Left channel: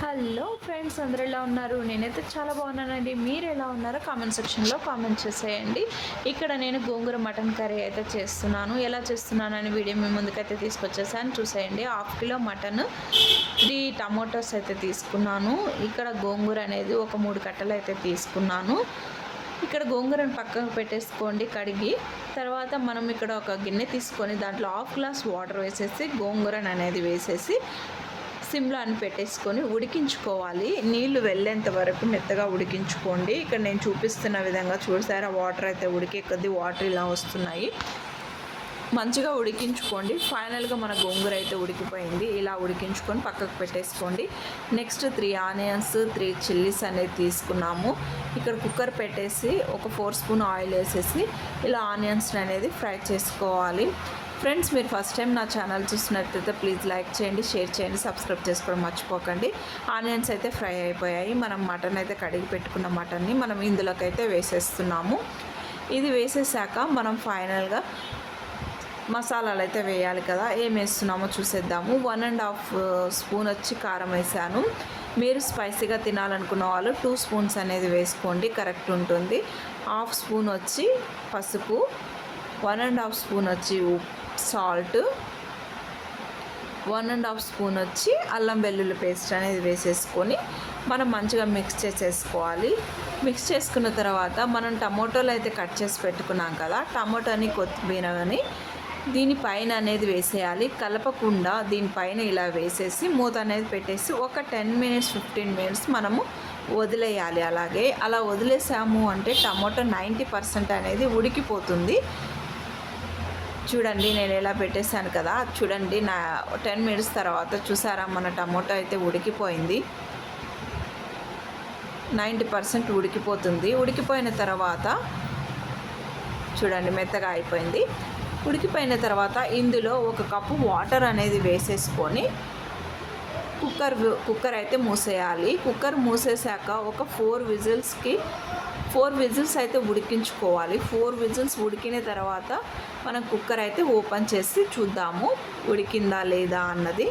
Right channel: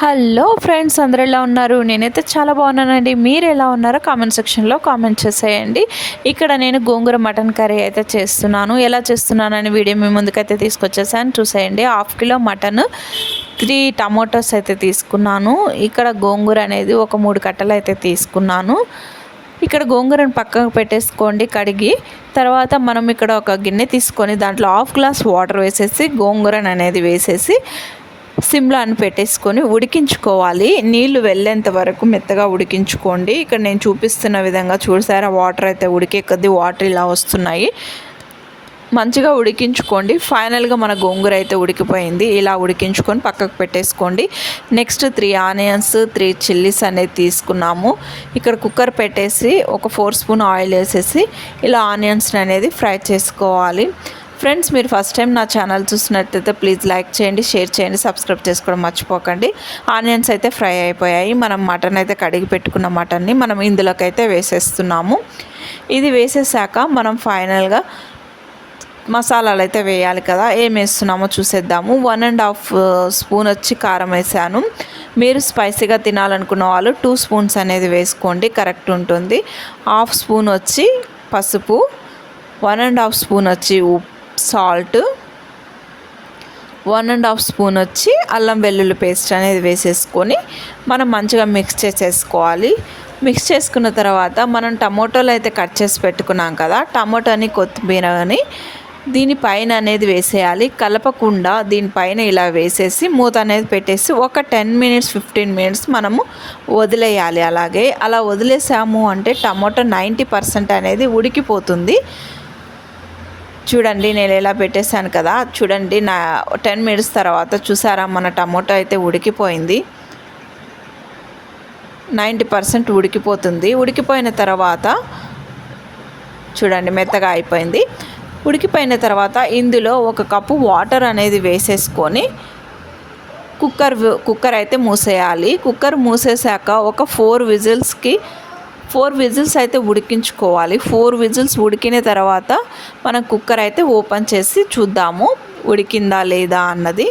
Hello friends అందరు ఎలా ఉన్నారు? నేనైతే చాలా బాగున్నానండి. మీరు ఎలా ఉన్నారో కామెంట్ సెక్షన్లో కామెంట్ చేసేయండి. ఇక్కడ నేను గోంగూర మటన్ కర్రీ అయితే చేస్తున్నాను. ఎలా చేస్తున్నానని వీడియో మీ ముందుకైతే తీసుకొచ్చేసాను. చూసేయండి. Half kilo mutton three tomatoes అయితే తీసుకున్నాను. ఇక్కడ గోంగూర అనేది ఒక మూడు కట్టలు అయితే తీసుకున్నాను. ఇక్కడ గోంగూరను పక్కకు పెట్టేసుకోండి కడిగి. తర్వాత మనం ఇక్కడ ఒక గిన్నె తీసుకొని దాంట్లో హాఫ్ గ్లాస్ వాటర్ వేసేసి గోంగూరను అనేది వేసేసి సిమ్లో అని పెట్టేసుకొని ఉడికించుకోవాలి. నీళ్ళు వెళ్ళేంత వరకు మెత్తగా ఉడికించుకోండి. ఇక్కడ నేను చూపిస్తున్న విధంగా చూసారా వాటర్ అయితే ఉడికే కొద్దీ వాటర్ ఇలా వస్తున్నాయి. మంచిగా ఉడికించుకోండి. ఫైనల్గా మన గోంగూర అయితే ఉడికిపోయింది. ఇలా ఉడికించుకొని పక్కకు పెట్టేసుకోండి. Next three onions three chillies అనేది తీసుకున్నాము. ఇక్కడ కుక్కర్ పెట్టేసి ఒక ఫోర్ స్పూన్ ఆయిల్ వేసేసి ఇలా ఆనియన్స్ అనేది ఫ్రై చేసుకోవాలి. ఫ్రెండ్స్ మీరు ఫస్ట్ టైం నా ఛానల్ చూసినట్టయితే ప్లీజ్ లైక్ చేయండి షేర్ చేయండి సబ్స్క్రైబ్ చేసుకోవడం మర్చిపోకండి. ఆనియన్స్ అయితే ఫ్రై అయిపోయాయి. మనం మటన్ అయితే కడిగి పెట్టుకున్న మటన్ని మనం ఇందులోకి అయితే వేసేస్తున్నాము. ఇది వేసేసాక మనం ఫైనల్గా మసాలాలు అయితే వేయాలి కదా ఏం వేస్తున్నామో చూసేద్దాము. వన్ అండ్ హాఫ్ స్పూన్ వచ్చి కారం వేసాను. మీరు స్పైసీగా తినాలనుకున్న వాళ్ళు టూ స్పూన్స్ అనేది వేసుకోండి కరెక్ట్ ఉంటుంది. హాఫ్ స్పూన్ వచ్చి పసుపు వన్ అండ్ హాఫ్ స్పూన్ వచ్చి ఉప్పు. Salt one and half spoon వచ్చి అల్లం వెల్లుల్లి పేస్ట్ అనేది వేసేసుకొని మనం మంచిగా మిక్స్ చేసేసుకోవాలి. మిక్స్ చేసుకున్న తర్వాత మనం టమోటోలు అయితే కట్ చేసి పెట్టుకున్నాం కదా టమోటాని కొత్తిమీర అని దీనిపైన అనేది వేసేయాలి. కలపకుండా దీనిపైన ఇలా వేసేసి మూత అనేది పెట్టేసి ఒక టెన్ మినిట్స్ ఫిఫ్టీన్ మినిట్స్ మనము వదిలేయాలి. అలాగే అలా వదిలేసాము అంటే టమోటో నైంటీ పర్సెంట్ అనేది ఉడికిపోతుంది. చూడండి నేను ఎలా పెట్టేశాను కదా. చూడండి నా టెన్ మినిట్స్ తర్వాత చూసారా మన టమోటో అయితే ఉడికిపోయింది. నైంటీ పర్సెంట్ ఉడికిపోతుంది. ఉడికిపోయిన తర్వాత చూడండి మెత్తగా అయిపోయింది. ఉడికిపోయిన తర్వాత ఇందులో ఒక కప్పు వాటర్ అనేది వేసేసుకొని కుక్కర్ కుక్కర్ అయితే మూసేయాలి. కుక్కర్ మూసేసాక ఒక ఫోర్ విజిల్స్కి ఫోర్ విజిల్స్ అయితే ఉడికించుకోవాలి. ఫోర్ విజిల్స్ ఉడికిన తర్వాత మనం కుక్కర్ అయితే ఓపెన్ చేసి చూద్దాము ఉడికిందా లేదా అన్నది.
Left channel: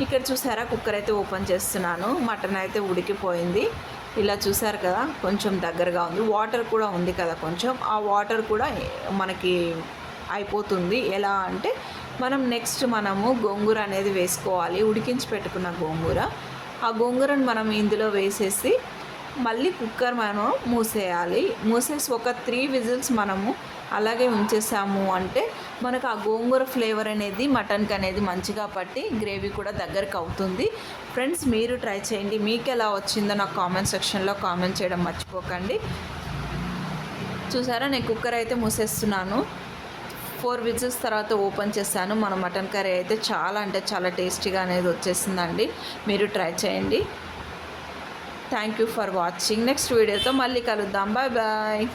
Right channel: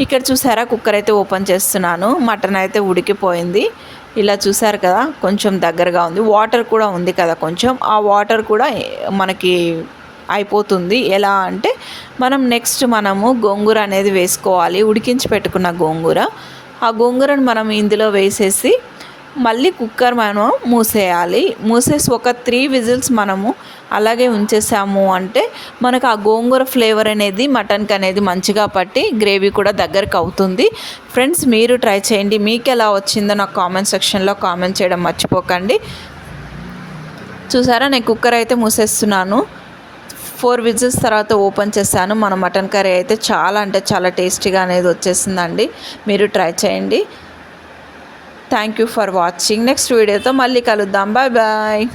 ఇక్కడ చూసారా? కుక్కర్ అయితే ఓపెన్ చేస్తున్నాను. మటన్ అయితే ఉడికిపోయింది. ఇలా చూసారు కదా? కొంచెం దగ్గరగా ఉంది. వాటర్ కూడా ఉంది కదా కొంచెం. ఆ వాటర్ కూడా మనకి అయిపోతుంది. ఎలా అంటే మనం నెక్స్ట్ మనము గోంగూర అనేది వేసుకోవాలి. ఉడికించి పెట్టుకున్న గోంగూర. ఆ గోంగూరను మనం ఇందులో వేసేసి మళ్ళీ కుక్కర్ మనం మూసేయాలి. మూసేసి ఒక త్రీ విజిల్స్ మనము అలాగే ఉంచేసాము అంటే మనకు ఆ గోంగూర ఫ్లేవర్ అనేది మటన్కి అనేది మంచిగా పట్టి గ్రేవీ కూడా దగ్గరకు అవుతుంది. ఫ్రెండ్స్ మీరు ట్రై చేయండి. మీకు ఎలా వచ్చిందో నాకు కామెంట్ సెక్షన్లో కామెంట్ చేయడం మర్చిపోకండి. చూసారా? నేను కుక్కర్ అయితే మూసేస్తున్నాను. ఫోర్ విజిల్స్ తర్వాత ఓపెన్ చేశాను. మన మటన్ కర్రీ అయితే చాలా అంటే చాలా టేస్టీగా అనేది వచ్చేసిందండి. మీరు ట్రై చేయండి. Thank you for watching next వీడియోతో మళ్ళీ కలుద్దాం. Bye bye